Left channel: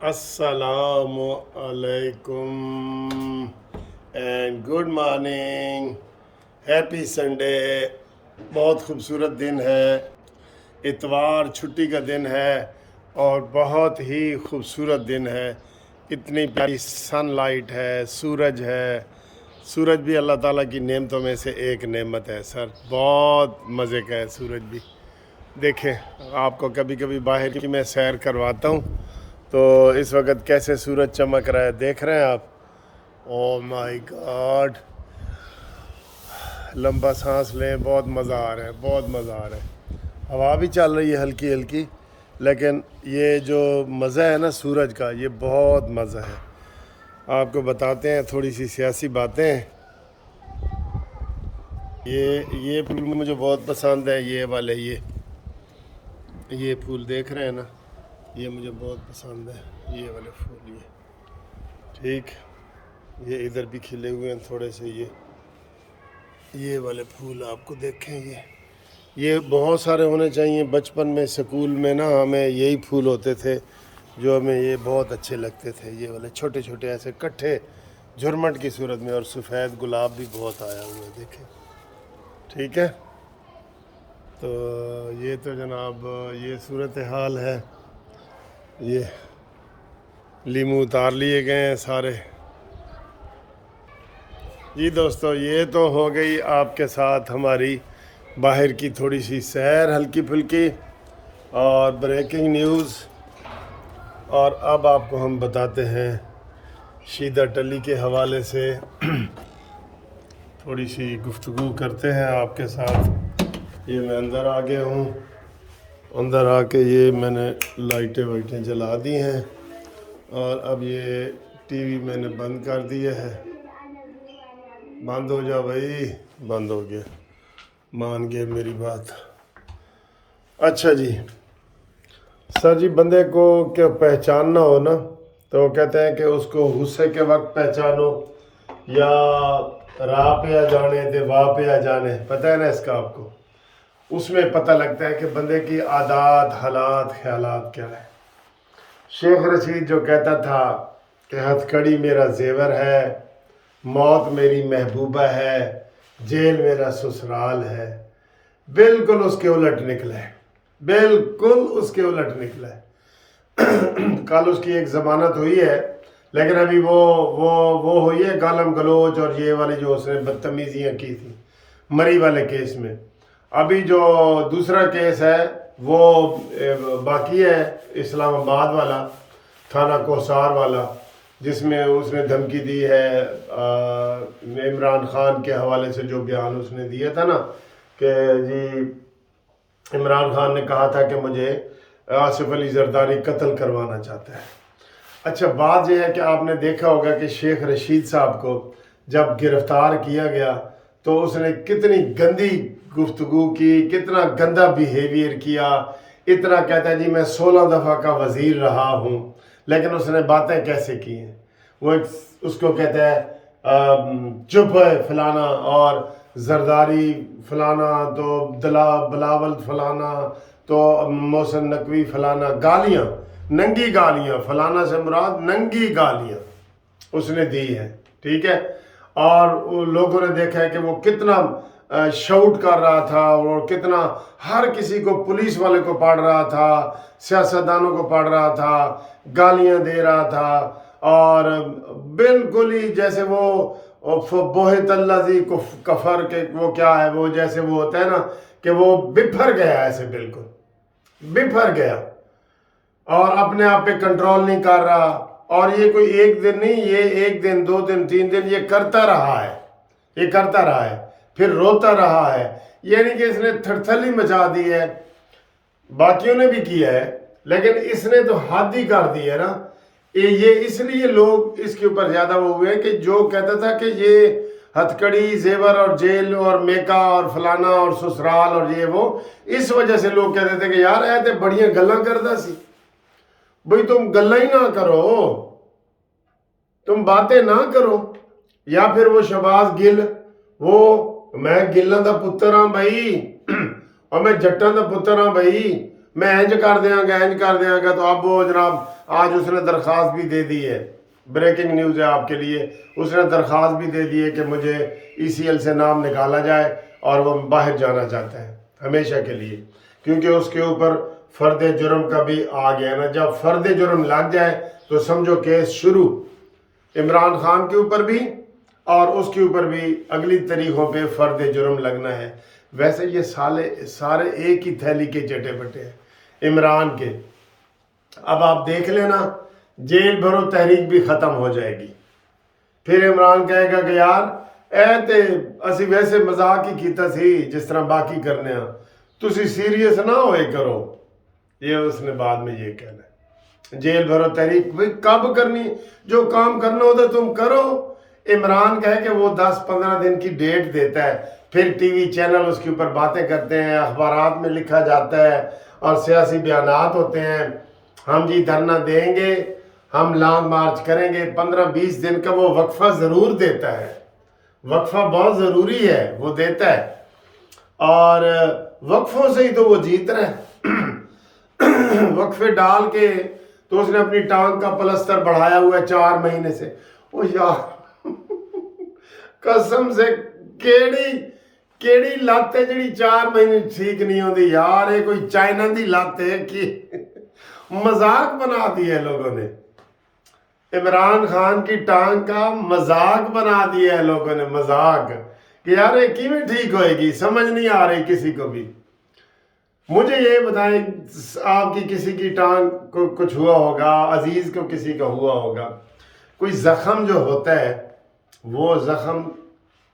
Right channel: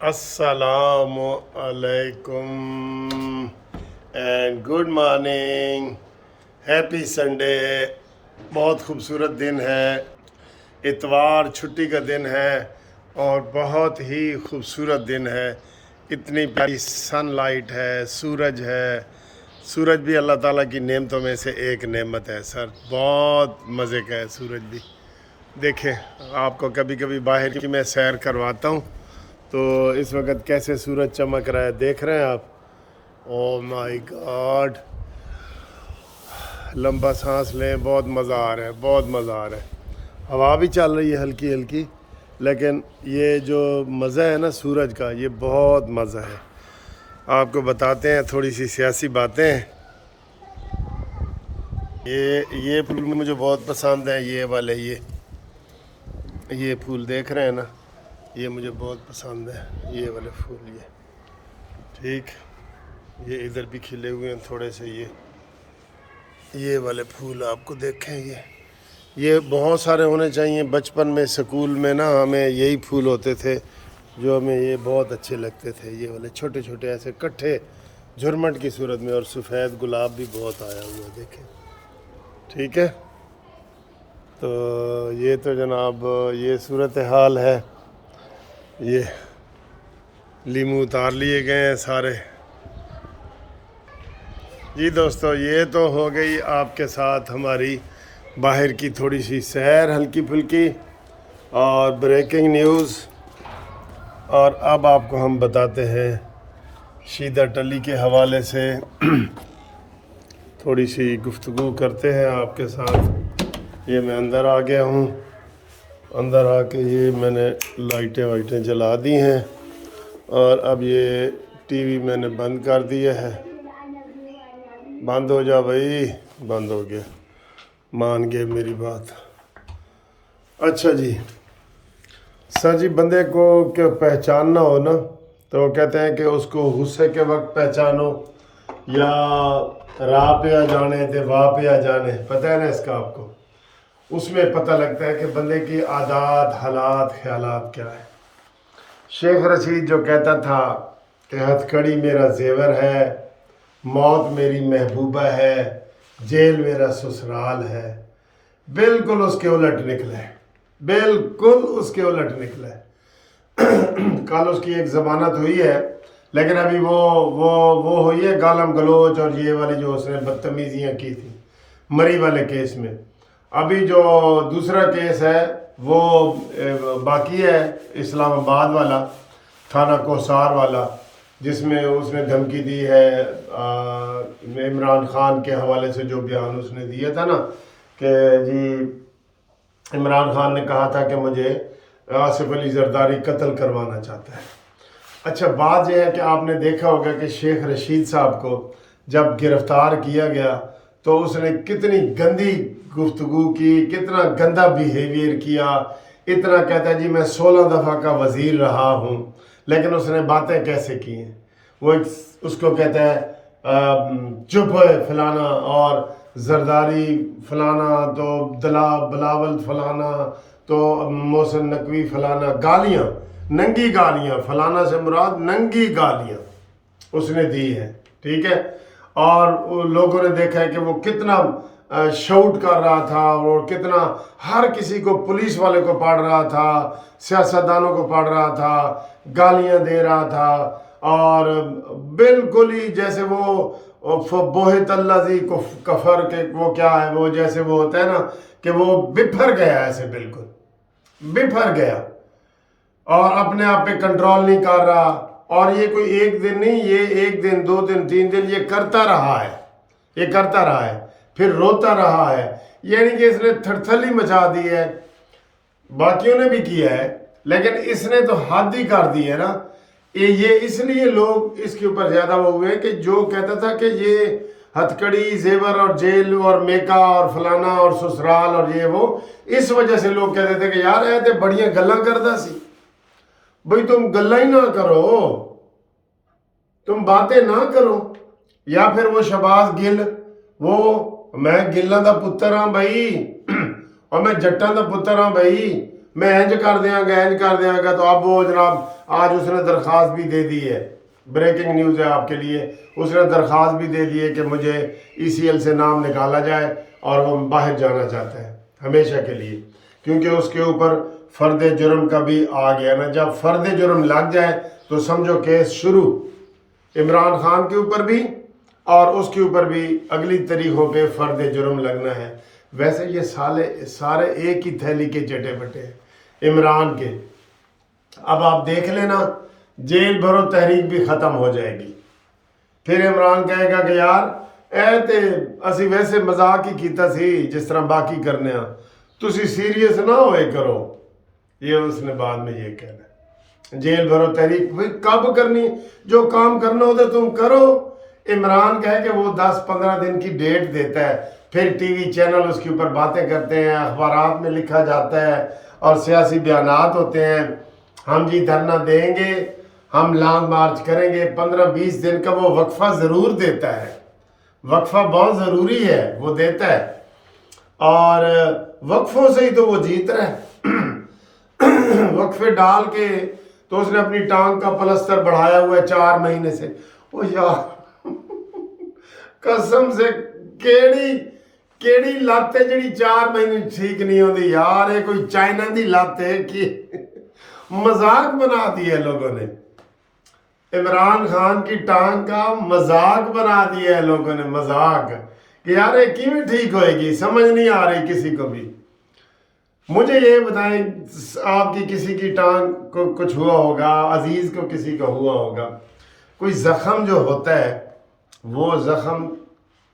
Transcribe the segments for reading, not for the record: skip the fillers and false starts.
السلام علیکم and good morning. Happy Sunday. بہت خوبصورت دن ہے. اتوار چھٹی کا دن ہے اور بہت ہی خوبصورت دن ہے. اتنی پیاری سن لائٹ ہے, سورج ہے. سورج بھی اللہ تعالیٰ کی نعمتوں میں سے ایک نعمت ہے سر. بہت مزے کا ہے سورج بھی. دیکھیں آپ کو کبھی کبھی باہر کی میں سیر کرواتا ہوں تو اس وقت کیسے سورج چمک رہا ہے, دیکھ رہے ہیں آپ. او مائی گاڈ. لمبا سانس لیں, بہت مزہ آ رہا ہے, بہت مزہ آ رہا ہے. ہوا بھی چل رہی ہے ہلکی ہلکی, لیکن یہ جو مزہ ہے نا سورج کا, یہ بہت مزہ ہے. آپ کو بتاتے ہیں تھوڑی سی سیاسی باتیں. یہ پھول مجھے بہت پسند ہے, یہ والے یہ پھول دیکھ رہے ہیں نا, یہ مجھے بہت پسند ہے. یہ والے پھول ٹھیک. یہ ادھر بھی کھلے ہوئے ہیں تھوڑے سے. یہ والے پھول آپ کو دیکھیں, یہ بہت سارے ہونے چاہیے. بچپن میں سکول میں نا ہمیں یہی پھول ہوتے تھے جو ہمیں یہ بہت اچھے لگتے تھے. یہ والے چھوٹے چھوٹے ایسے کٹھے جھرمٹ کی صورت میں, اور سفید گلاب بھی بہت آیا ہوا ہے, دیکھیں. ٹھیک ہے, تو یہ تو جناب یہ صورتحال ہے. یہ لیمو اتار لیے گئے ہیں سارے. جی دوستو, یہ تو ہو گئی آپ کے ساتھ ہماری باہر کی تھوڑی سی سیر ہلکی پھلکی اور بریکنگ نیوز. اور اب آپ کو ہم بتاتے ہیں شیدہ ٹلی کے حوالے سے تھوڑی سی گفتگو کرتے ہیں آپ کے ساتھ. یہ میں اندر آ گیا ہوں. اندر آ کے یہ میں نے لائٹیں جلا دی ہیں, اور اب یہ ٹی وی میں نے بند کر دیا ہے. بند ہو جا بھائی. بند ہو گیا, مان گئے میری بات. اچھا جی سر جی, بندے کو کہ پہچاننا ہو نا تو وہ کہتے ہیں کہ اس کو غصے کے وقت پہچانو یا راہ پہ آ جانے تے واہ پہ آ جانے. پتہ ہے نا اس کا آپ کو, اس میں پتہ لگتا ہے کہ بندے کی عادات حالات خیالات کیا ہے. شیخ رشید جو کہتا تھا کہ ہتھ کڑی میرا زیور ہے, موت میری محبوبہ ہے, جیل میرا سسرال ہے, بالکل اس کے الٹ نکلا ہے. بالکل اس کے الٹ نکلا ہے. کل اس کی ایک ضمانت ہوئی ہے, لیکن ابھی وہ ہوئی ہے گالم گلوچ اور یہ والی جو اس نے بدتمیزیاں کی تھیں مری والے کیس میں. ابھی جو دوسرا کیس ہے وہ باقی ہے, اسلام آباد والا, تھانہ کوسار والا, جس میں اس نے دھمکی دی ہے عمران خان کے حوالے سے. جو بیان اس نے دیا تھا نا کہ جی عمران خان نے کہا تھا کہ مجھے آصف علی زرداری قتل کروانا چاہتا ہے. اچھا بات یہ ہے کہ آپ نے دیکھا ہوگا کہ شیخ رشید صاحب کو جب گرفتار کیا گیا تو اس نے کتنی گندی گفتگو کی, کتنا گندا بیہیویئر کیا. اتنا کہتا ہے جی میں 16 دفعہ کا وزیر رہا ہوں, لیکن اس نے باتیں کیسے کی ہیں. وہ اس کو کہتا ہے چپ ہے فلانا, اور زرداری فلانا, تو بلاول فلانا, تو محسن نقوی فلانا. گالیاں, ننگی گالیاں, فلانا سے مراد ننگی گالیاں اس نے دی ہیں. ٹھیک ہے, اور لوگوں نے دیکھا ہے کہ وہ کتنا شاؤٹ کر رہا تھا, وہ کتنا ہر کسی کو, پولیس والے کو پاڑ رہا تھا, سیاستدانوں کو پاڑ رہا تھا, گالیاں دے رہا تھا, اور بالکل ہی جیسے وہ بوہت اللہ زی کفر کے وہ کیا ہے, وہ جیسے وہ ہوتا ہے نا کہ وہ بپھر گیا, ایسے بالکل بپھر گیا, اور اپنے آپ پہ کنٹرول نہیں کر رہا. اور یہ کوئی ایک دن نہیں, یہ 1 دن 2 دن 3 دن یہ کرتا رہا ہے. یہ کرتا رہا ہے, پھر روتا رہا ہے. یعنی کہ اس نے تھرتھلی مچا دی ہے. باقیوں نے بھی کیا ہے, لیکن اس نے تو حد ہی کر دی ہے نا. یہ اس لیے لوگ اس کے اوپر زیادہ وہ ہوئے کہ جو کہتا تھا کہ یہ ہتھ کڑی زیور اور جیل اور میکا اور فلانا اور سسرال اور یہ وہ, اس وجہ سے لوگ کہتے تھے کہ یار اے تے بڑیاں گلاں کردا سی. بھئی تم گلاں ہی نہ کرو, تم باتیں نہ کرو. یا پھر وہ شہباز گل, وہ میں گلاں دا پتر ہاں بھائی, اور میں جٹاں دا پتر ہاں بھائی, میں इंज कर देंगे तो अब वो जनाब आज उसने दरख्वास्त भी दे दी है, ब्रेकिंग न्यूज़ है आपके लिए, उसने दरख्वास्त भी दे दी है कि मुझे ECL से नाम निकाला जाए और वो बाहर जाना चाहता है हमेशा के लिए, क्योंकि उसके ऊपर फ़र्द जुर्म का भी आ गया ना। जब फ़र्द जुर्म लग जाए तो समझो केस शुरू, इमरान खान के ऊपर भी और उसके ऊपर भी अगली तारीखों पे फ़र्द जुर्म लगना है। वैसे ये सारे एक ही थैली के चटे बटे हैं इमरान के। अब आप देख लेना जेल भरो तहरीक भी ख़त्म हो जाएगी, फिर इमरान कहेगा कि यार ए ते असी वैसे मजाक ही कीता सी जिस तरह बाकी करने आ, तुसी सीरियस ना होए करो। ये उसने बाद में ये कहना है जेल भरो तहरीक भाई कब करनी, जो काम करना हो तो तुम करो। इमरान कहे कि वो 10-15 दिन की डेट देता है, फिर टीवी चैनल उसके ऊपर बातें करते हैं, अखबारात में लिखा जाता है और सियासी बयानात होते हैं, हम जी धरना देंगे, हम लॉन्ग मार्च करेंगे। 15-20 दिन का वो वक्फा ज़रूर देता है, वक्फा बहुत ज़रूरी है, वो देता है और वक्फों से ही तो वो जीत रहा है। वक्फे डाल के तो उसने अपनी टांग का पलस्तर बढ़ाया हुआ है 4 महीने से। ओ यार कसम से केड़ी लत है जी 4 महीने ठीक नहीं होती यार। ये कोई चाइना की लत है कि मजाक बना दिया है लोगों ने, इमरान खान की टांग का मजाक बना दिया है लोगों ने, मजाक कि यार ये किवें ठीक होएगी, समझ नहीं आ रही किसी को भी। मुझे ये बताएं आपकी किसी की टांग को कुछ हुआ होगा, अजीज को किसी का हुआ होगा, कोई जख्म जो होता है वो जख्म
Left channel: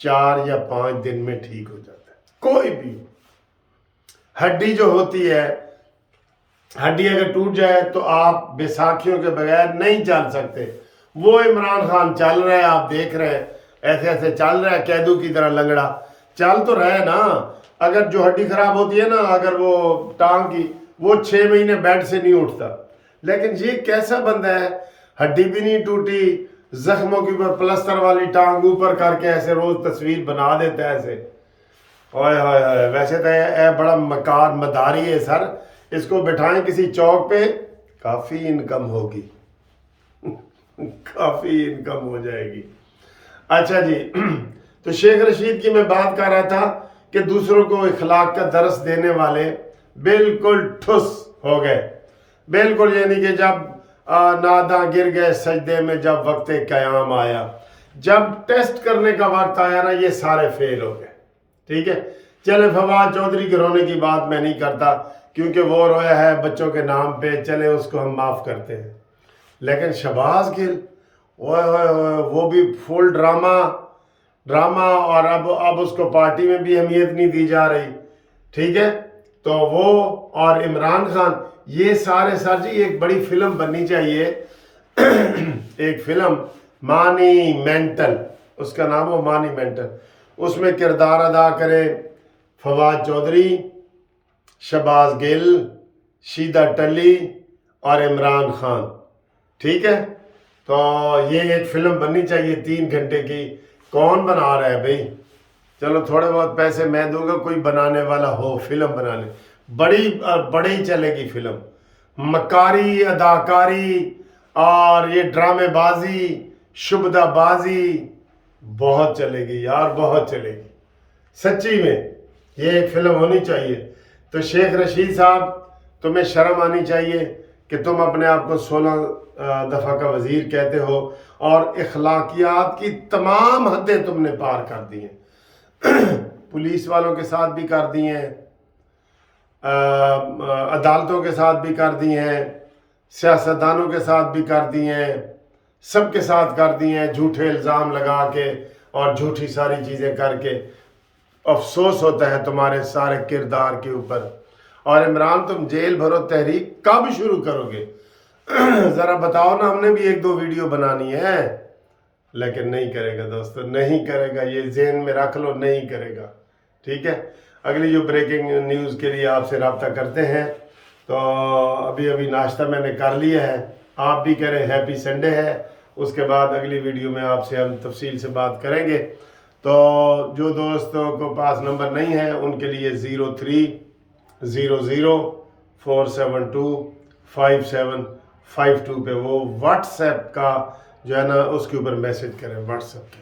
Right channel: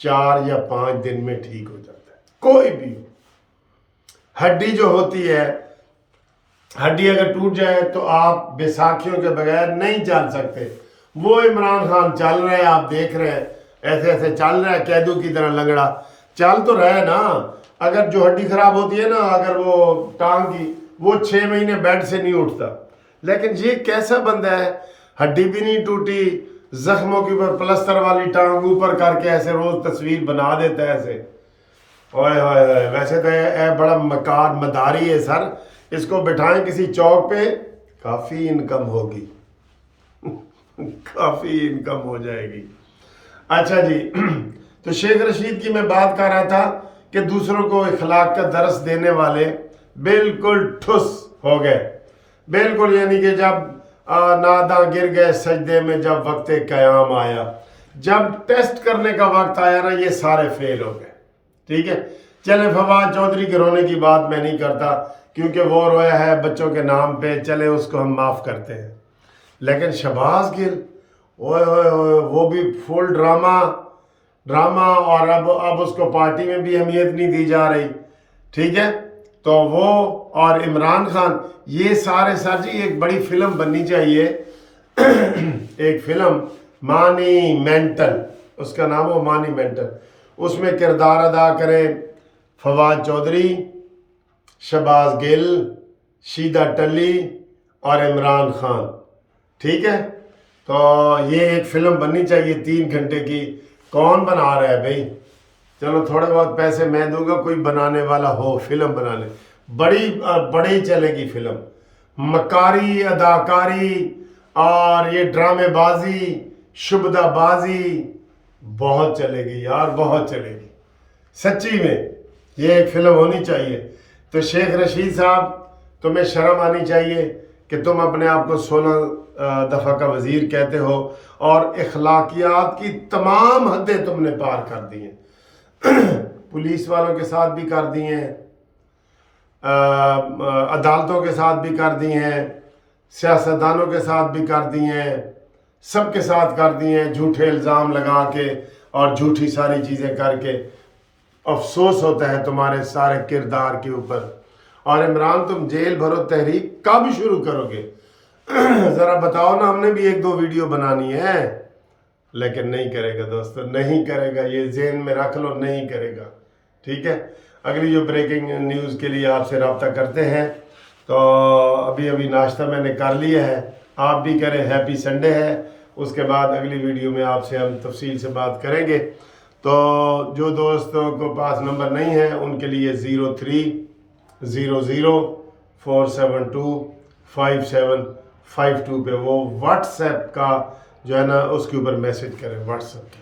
4 या 5 दिन में ठीक हो जाता है, कोई भी हो। हड्डी जो होती है, हड्डी अगर टूट जाए तो आप बैसाखियों के बगैर नहीं चल सकते। वो इमरान खान चल रहा है, आप देख रहे हैं ऐसे ऐसे चल रहा है, कैदू की तरह लंगड़ा चल तो रहा है ना। अगर जो हड्डी खराब होती है ना, अगर वो टांग की, वो 6 महीने बेड से नहीं उठता। लेकिन ये कैसा बंदा है, हड्डी भी नहीं टूटी, जख्मों के ऊपर प्लस्तर वाली टांग ऊपर करके ऐसे रोज तस्वीर बना देता है ऐसे। ओए होए, वैसे तो ये बड़ा मकार मदारी है सर, इसको बिठाएं किसी चौक पे, काफ़ी इनकम होगी काफ़ी इनकम हो जाएगी। अच्छा जी, तो शेख रशीद की मैं बात कर रहा था कि दूसरों को इखलाक का दर्स देने वाले बिल्कुल ठुस हो गए, बिल्कुल। यानी कि जब नादा गिर गए सजदे में, जब वक्त क़याम आया, जब टेस्ट करने का वक्त आया ना, ये सारे फेल हो गए। ठीक है, चले फवाद चौधरी के रोने की बात मैं नहीं करता क्योंकि वो रोया है बच्चों के नाम पे, चले उसको हम माफ़ करते हैं। लेकिन शहबाज गिल, ओए वो भी फुल ड्रामा और अब उसको पार्टी में भी अहमियत नहीं दी जा रही। ठीक है, तो वो और इमरान खान, ये सारे सर जी एक बड़ी फिल्म बननी चाहिए एक फिल्म मॉन्यूमेंटल, उसका नाम हो मॉन्यूमेंटल। उसमें किरदार अदा करें फवाद चौधरी, शहबाज गिल, शीदा टली और इमरान खान। ठीक है, तो ये एक फिल्म बननी चाहिए 3 घंटे की। कौन बना रहा है भाई? चलो थोड़े बहुत पैसे मैं दूंगा, कोई बनाने वाला हो फिल्म बनाने, बड़ी चलेगी फिल्म। मकारी, अदाकारी और ये ड्रामेबाजी, शुबदाबाजी बहुत चलेगी यार, बहुत चलेगी सच्ची में। ये एक फिल्म होनी चाहिए। तो शेख रशीद साहब, तुम्हें शर्म आनी चाहिए कि तुम अपने आप को 16 दफ़ा का वज़ीर कहते हो और इखलाकियात की तमाम हदें तुमने पार कर दी हैं पुलिस वालों के साथ भी कर दी हैं, अदालतों के साथ भी कर दी हैं, सियासतदानों के साथ भी कर दी हैं, सबके साथ कर दी हैं, झूठे इल्ज़ाम लगा के और झूठी सारी चीज़ें करके। अफसोस होता है तुम्हारे सारे किरदार के ऊपर। और इमरान, तुम जेल भरो तहरीक कब शुरू करोगे? ज़रा बताओ ना, हमने भी 1-2 वीडियो बनानी है। लेकिन नहीं करेगा दोस्तों, नहीं करेगा, ये ज़हन में रख लो, नहीं करेगा। ठीक है, अगली जो ब्रेकिंग न्यूज़ के लिए आपसे रब्ता करते हैं। तो अभी नाश्ता मैंने कर लिया है, आप भी करें, हैप्पी संडे है। उसके बाद अगली वीडियो में आपसे हम तफसील से बात करेंगे। तो जो दोस्तों को पास नंबर नहीं है उनके लिए 0300 472752 پہ وہ واٹس ایپ کا جو ہے نا اس کے اوپر میسج کریں، واٹس ایپ کے